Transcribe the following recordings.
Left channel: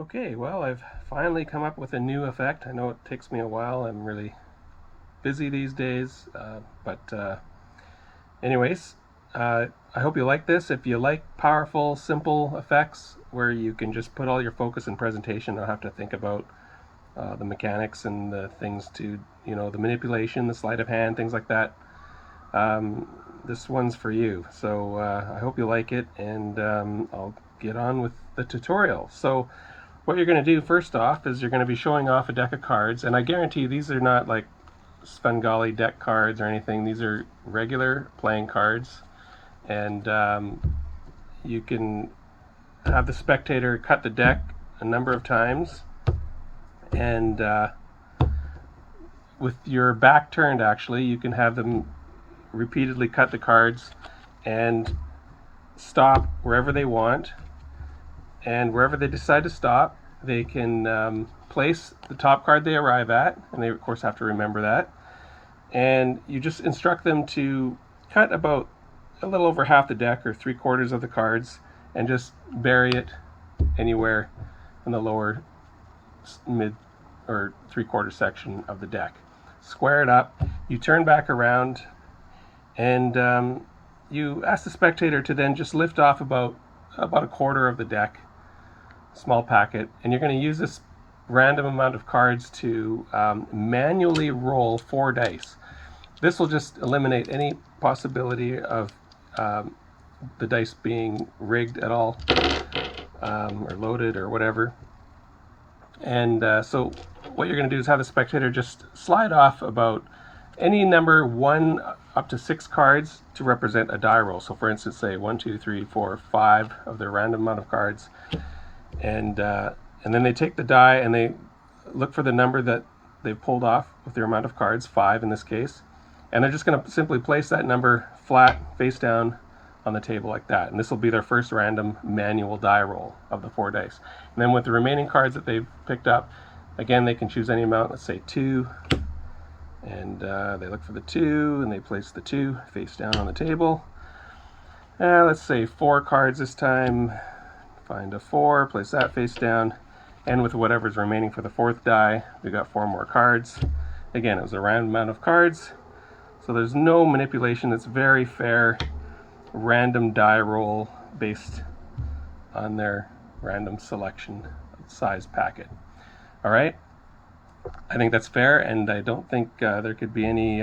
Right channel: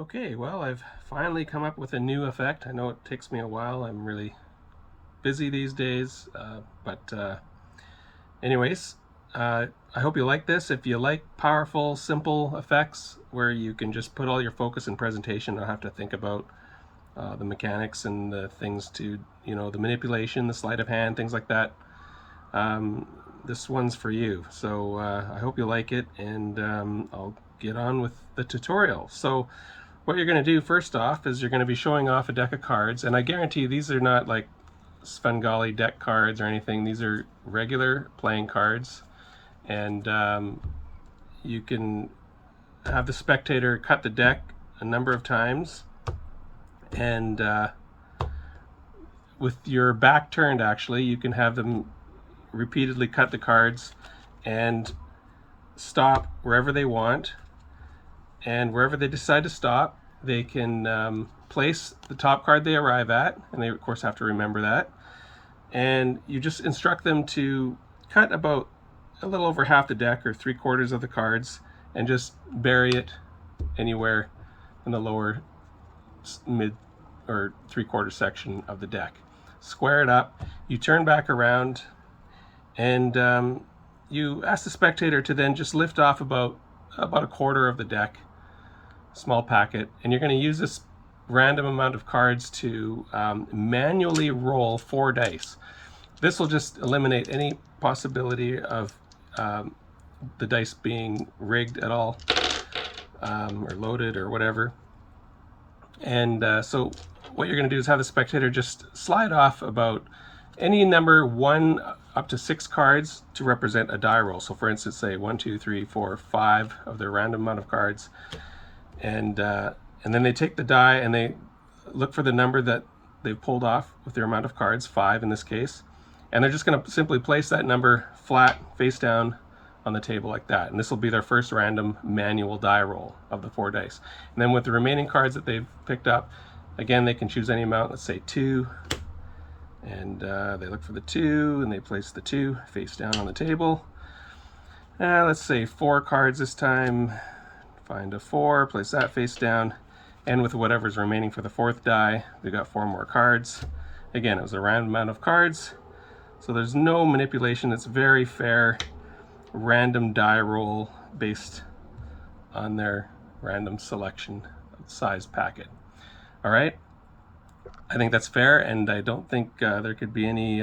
Okay, well, I've finally come up with a new effect. I know it takes me a while. I'm really busy these days, but anyways, I hope you like this. If you like powerful, simple effects where you can just put all your focus in presentation, don't have to think about the mechanics and the things to, the manipulation, the sleight of hand, things like that. This one's for you. So I hope you like it, and I'll get on with the tutorial. So what you're going to do first off is you're going to be showing off a deck of cards, and I guarantee these are not like Svengali deck cards or anything. These are regular playing cards, and you can have the spectator cut the deck a number of times, and with your back turned, actually, you can have them repeatedly cut the cards and stop wherever they want, and wherever they decide to stop, they can place the top card they arrive at, and they of course have to remember that. And you just instruct them to cut about a little over half the deck or 3/4 of the cards and just bury it anywhere in the lower mid or 3/4 section of the deck. Square it up, you turn back around, and you ask the spectator to then just lift off about a quarter of the deck, small packet, and you're going to use this random amount of cards to manually roll 4 dice. This will just eliminate any possibility of the dice being rigged at all, or loaded or whatever. And so what you're going to do is have the spectator just slide off about any number 1 up to 6 cards to represent a die roll. So for instance, say 1, 2, 3, 4, 5 of their random amount of cards, and then they take the die and they look for the number that they've pulled off with their amount of cards, 5 in this case, and they're just going to simply place that number flat, face down on the table like that. And this will be their first random manual die roll of the 4 dice. And then with the remaining cards that they've picked up, again, they can choose any amount, let's say 2, and they look for the 2 and they place the 2 face down on the table. Let's say 4 cards this time. Find a 4, place that face down, and with whatever's remaining for the 4th die, we got 4 more cards. Again, it was a random amount of cards, so there's no manipulation. It's very fair, random die roll based on their random selection size packet. All right, I think that's fair, and I don't think there could be any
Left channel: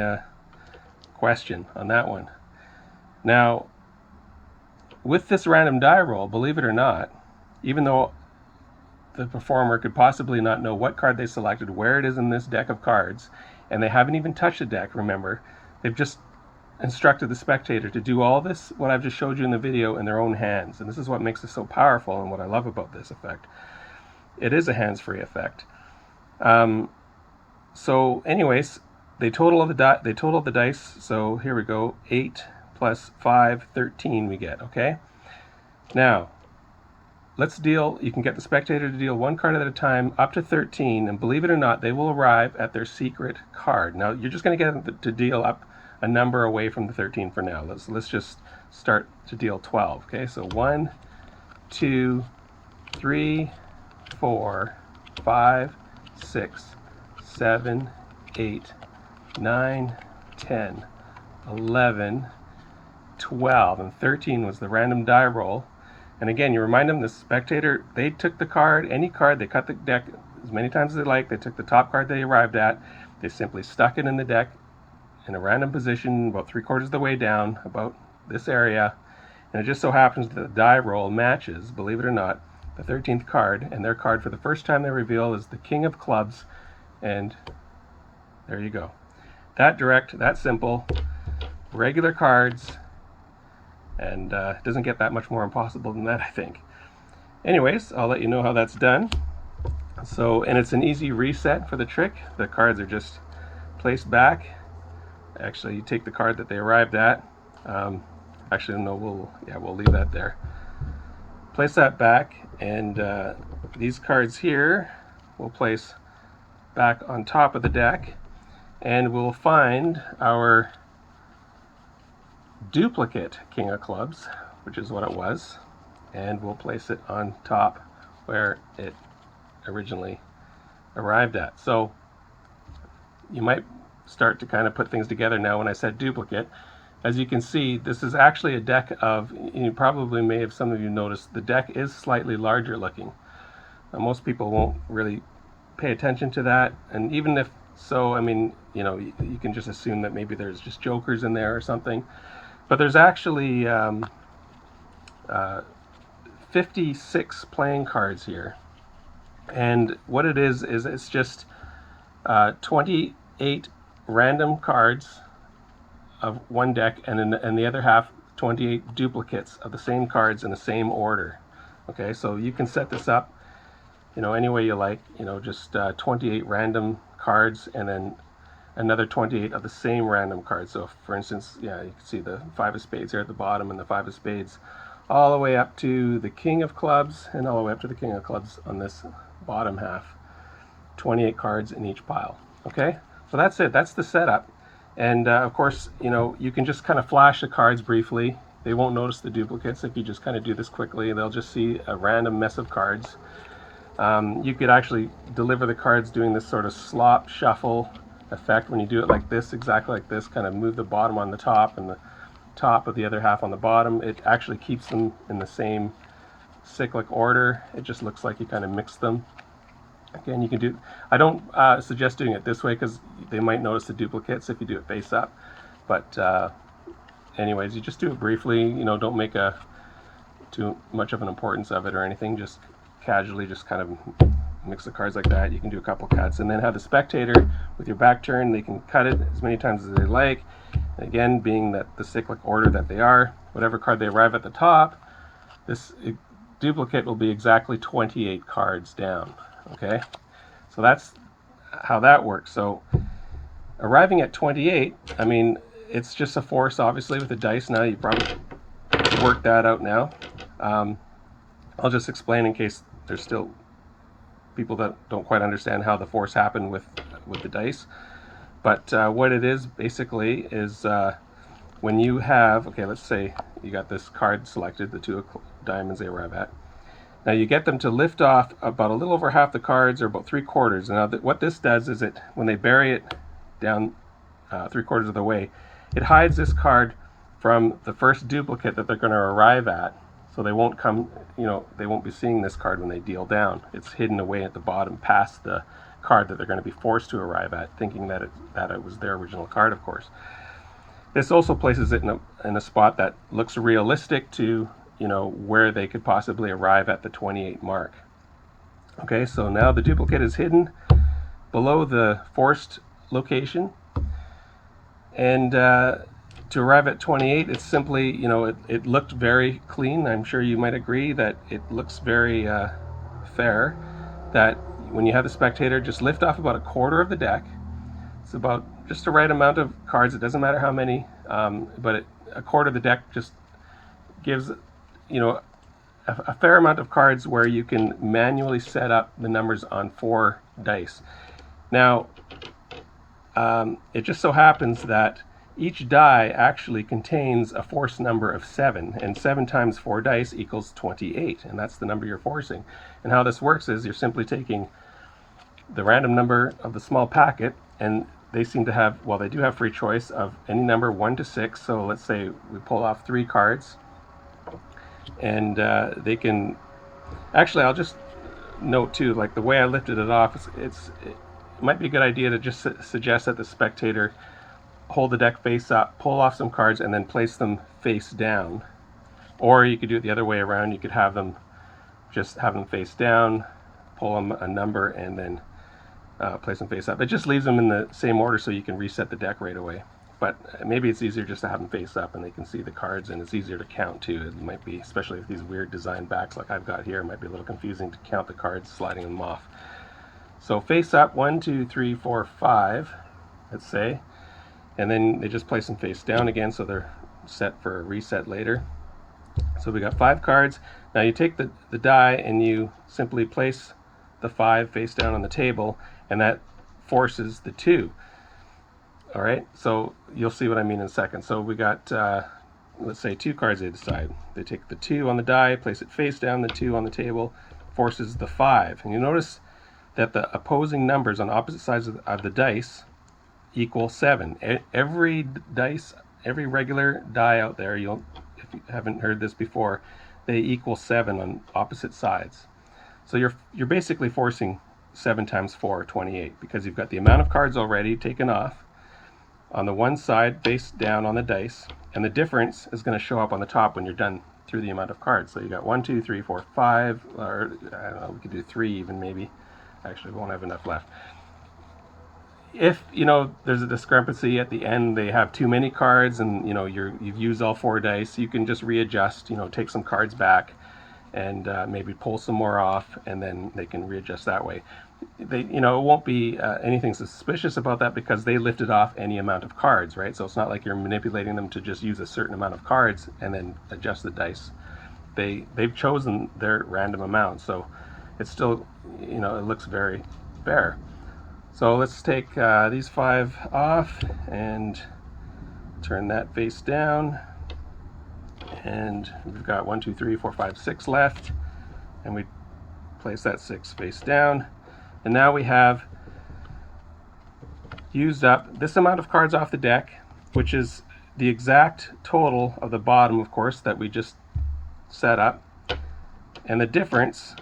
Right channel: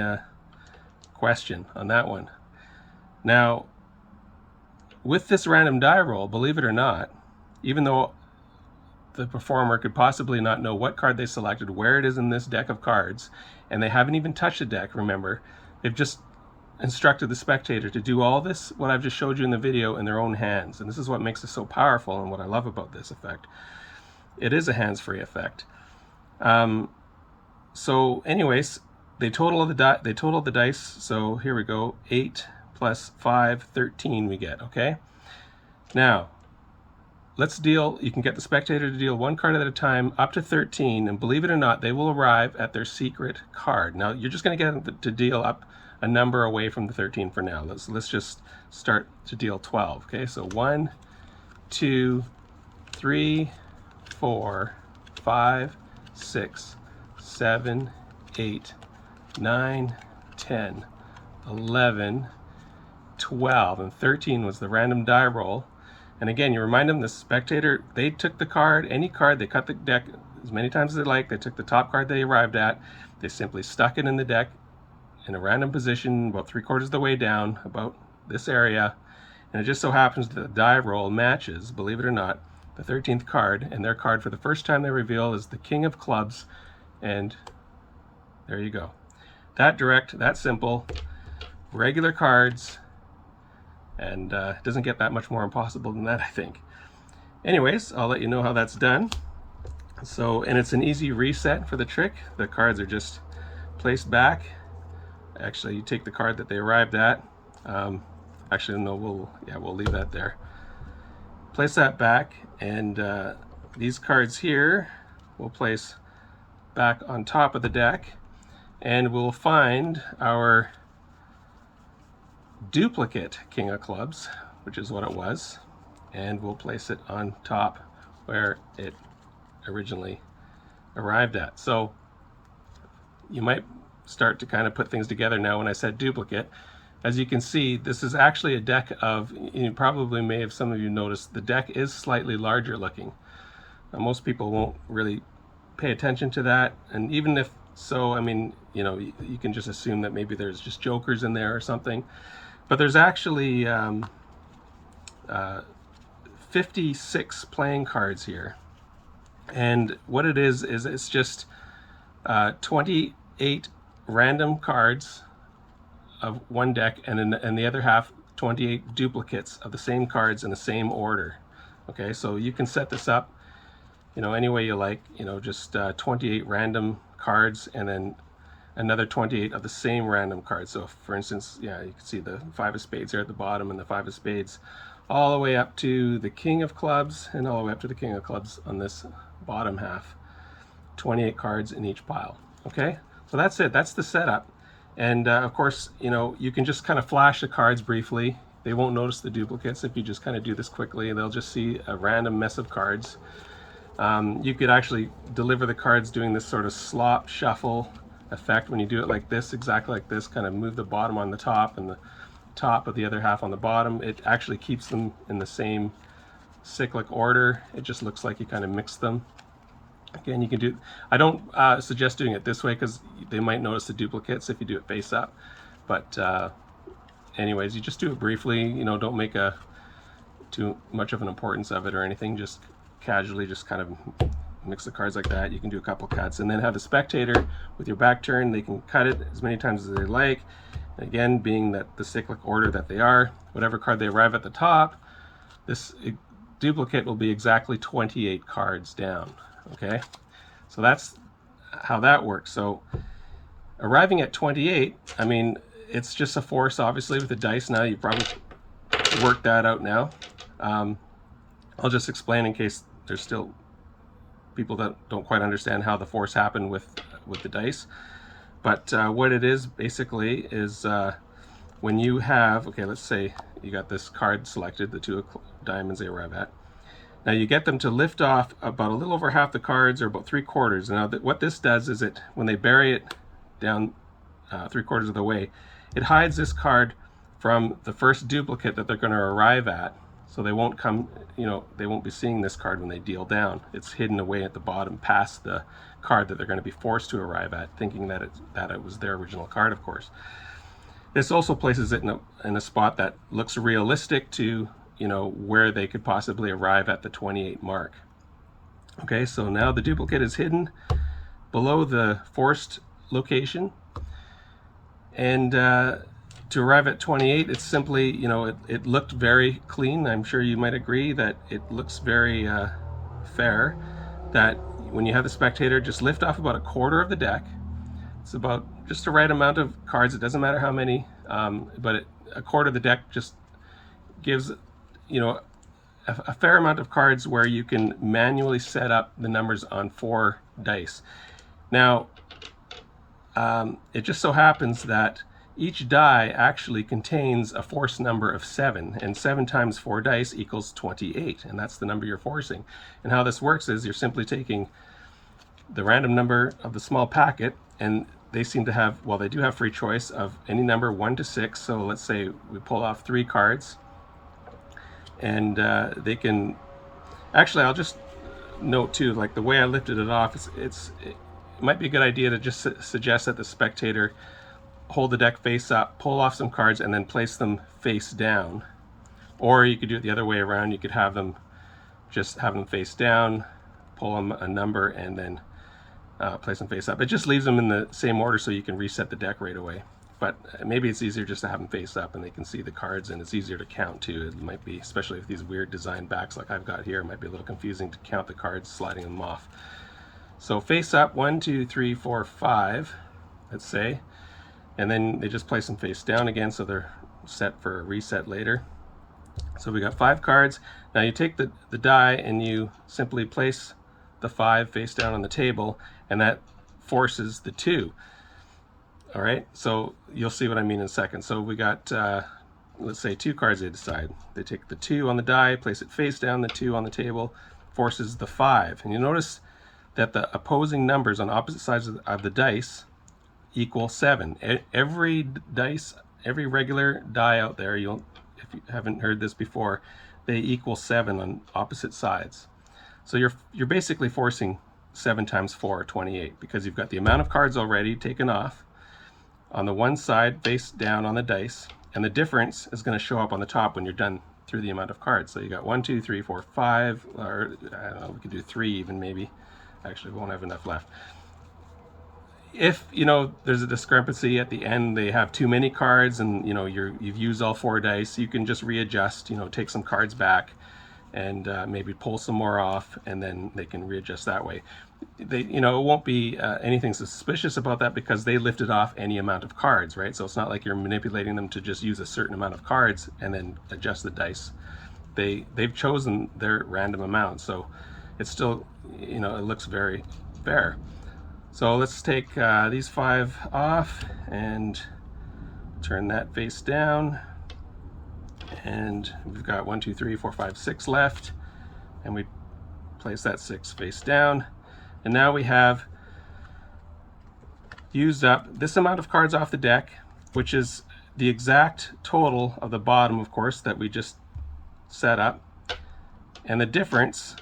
question on that one. Now, with this random die roll, believe it or not, even though the performer could possibly not know what card they selected, where it is in this deck of cards, and they haven't even touched the deck, remember, they've just instructed the spectator to do all this, what I've just showed you in the video, in their own hands. And this is what makes it so powerful and what I love about this effect. It is a hands-free effect. So anyways, they total the dice. So here we go, 8 plus 5, 13 we get, okay? Now, let's deal, you can get the spectator to deal 1 card at a time up to 13, and believe it or not, they will arrive at their secret card. Now, you're just going to get them to deal up a number away from the 13 for now. Let's just start to deal 12, okay? So 1, 2, 3, 4, 5, 6, 7, 8, 9, 10, 11, 12, and 13 was the random die roll. And again, you remind them, the spectator, they took the card, any card, they cut the deck as many times as they like, they took the top card they arrived at, they simply stuck it in the deck in a random position about 3/4 of the way down, about this area, and it just so happens that the die roll matches, believe it or not, the 13th card, and their card for the first time they reveal is the King of Clubs, and there you go. That direct, that simple, regular cards, and it doesn't get that much more impossible than that, I think. Anyways, I'll let you know how that's done. So, and it's an easy reset for the trick. The cards are just placed back. Actually, you take the card that they arrived at. Actually, no, we'll leave that there. Place that back, and these cards here we'll place back on top of the deck, and we'll find our duplicate King of Clubs, which is what it was, and we'll place it on top where it originally arrived at. So you might start to kind of put things together now when I said duplicate. As you can see, this is actually a deck of, you probably may have, some of you noticed, the deck is slightly larger looking. Most people won't really pay attention to that, and even if so, I mean, you know, you can just assume that maybe there's just jokers in there or something. But there's actually 56 playing cards here. And what it is it's just 28 random cards of one deck, and the other half 28 duplicates of the same cards in the same order. Okay, so you can set this up, you know, any way you like. You know, just 28 random cards and then another 28 of the same random cards. So for instance, yeah, you can see the 5 of spades here at the bottom, and the 5 of spades all the way up to the king of clubs, and all the way up to the king of clubs on this bottom half. 28 cards in each pile. Okay, so that's it. That's the setup. And of course, you know, you can just kind of flash the cards briefly. They won't notice the duplicates if you just kind of do this quickly. They'll just see a random mess of cards. You could actually deliver the cards doing this sort of slop shuffle effect when you do it like this, exactly like this, kind of move the bottom on the top and the top of the other half on the bottom. It actually keeps them in the same cyclic order. It just looks like you kind of mix them. Again, you can do, I don't suggest doing it this way because they might notice the duplicates if you do it face up. But anyways, you just do it briefly. You know, don't make too much of an importance of it or anything. Just casually, just kind of mix the cards like that. You can do a couple cuts and then have the spectator with your back turn. They can cut it as many times as they like. Again, being that the cyclic order that they are, whatever card they arrive at the top, this duplicate will be exactly 28 cards down. Okay, so that's how that works. So arriving at 28, I mean, it's just a force, obviously, with the dice. Now you probably worked that out now. I'll just explain in case there's still people that don't quite understand how the force happened with the dice. But what it is basically is when you have, okay, let's say you got this card selected, the 2 of diamonds they arrive at. Now you get them to lift off about a little over half the cards, or about 3/4. Now what this does is when they bury it down 3/4 of the way, it hides this card from the first duplicate that they're going to arrive at. So they won't come, you know, they won't be seeing this card when they deal down. It's hidden away at the bottom past the card that they're going to be forced to arrive at, thinking that it was their original card, of course. This also places it in a spot that looks realistic to, you know, where they could possibly arrive at the 28 mark. Okay, so now the duplicate is hidden below the forced location, and to arrive at 28, it's simply, you know, it looked very clean. I'm sure you might agree that it looks very fair, that when you have the spectator just lift off about 1/4 of the deck. It's about just the right amount of cards. It doesn't matter how many, but 1/4 of the deck just gives, you know, a fair amount of cards where you can manually set up the numbers on 4 dice. Now, it just so happens that each die actually contains a force number of 7, and 7 times 4 dice equals 28, and that's the number you're forcing. And how this works is you're simply taking the random number of the small packet, and they seem to have, well, they do have free choice of any number 1 to 6. So let's say we pull off 3 cards, and they can, actually, I'll just note too, like the way I lifted it off, it might be a good idea to just suggest that the spectator hold the deck face up, pull off some cards, and then place them face down. Or you could do it the other way around. You could have them face down, pull them a number, and then place them face up. It just leaves them in the same order so you can reset the deck right away. But maybe it's easier just to have them face up and they can see the cards, and it's easier to count too. It might be, especially with these weird design backs like I've got here, it might be a little confusing to count the cards, sliding them off. So face up, 1, 2, 3, 4, 5, let's say. And then they just place them face down again, so they're set for a reset later. So we got 5 cards. Now you take the die and you simply place the 5 face down on the table, and that forces the 2. All right, so you'll see what I mean in a second. So we got, let's say 2 cards they decide. They take the 2 on the die, place it face down, the 2 on the table, forces the 5. And you notice that the opposing numbers on opposite sides of the dice equal 7. Every dice, every regular die out there, if you haven't heard this before, they equal 7 on opposite sides. So you're basically forcing 7 times 4, 28, because you've got the amount of cards already taken off on the one side face down on the dice, and the difference is going to show up on the top when you're done through the amount of cards. So you got 1, 2, 3, 4, 5, or I don't know, we could do 3 even maybe. Actually, we won't have enough left. If there's a discrepancy at the end, they have too many cards, and you've used all 4 dice, you can just readjust. Take some cards back, and maybe pull some more off, and then they can readjust that way. It won't be anything suspicious about that, because they lifted off any amount of cards, right? So it's not like you're manipulating them to just use a certain amount of cards and then adjust the dice. They've chosen their random amount, so it's still, it looks very fair. So let's take these 5 off and turn that face down, and we've got 1, 2, 3, 4, 5, 6 left, and we place that 6 face down. And now we have used up this amount of cards off the deck, which is the exact total of the bottom, of course, that we just set up. And the difference,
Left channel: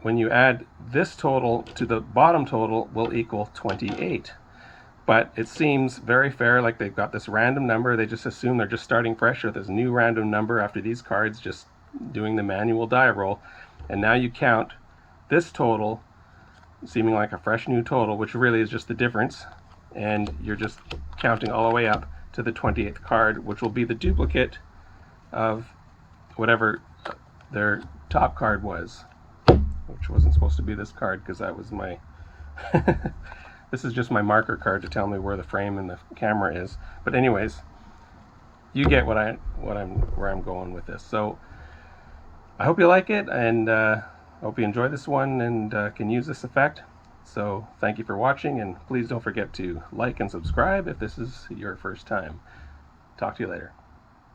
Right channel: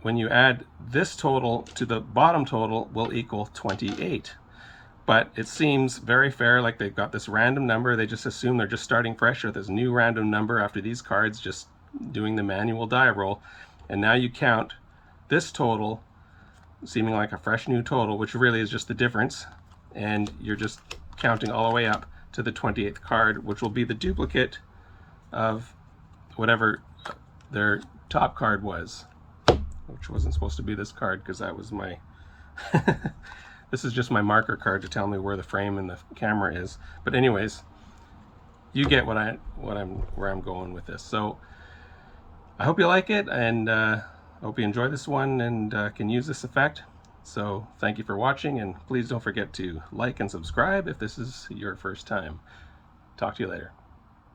when you add this total to the bottom total, will equal 28. But it seems very fair, like they've got this random number. They just assume they're just starting fresh with this new random number after these cards, just doing the manual die roll. And now you count this total, seeming like a fresh new total, which really is just the difference, and you're just counting all the way up to the 28th card, which will be the duplicate of whatever their top card was, which wasn't supposed to be this card, because that was my this is just my marker card to tell me where the frame and the camera is. But anyways, you get where I'm going with this. So I hope you like it, and I hope you enjoy this one and can use this effect. So thank you for watching, and please don't forget to like and subscribe if this is your first time. Talk to you later.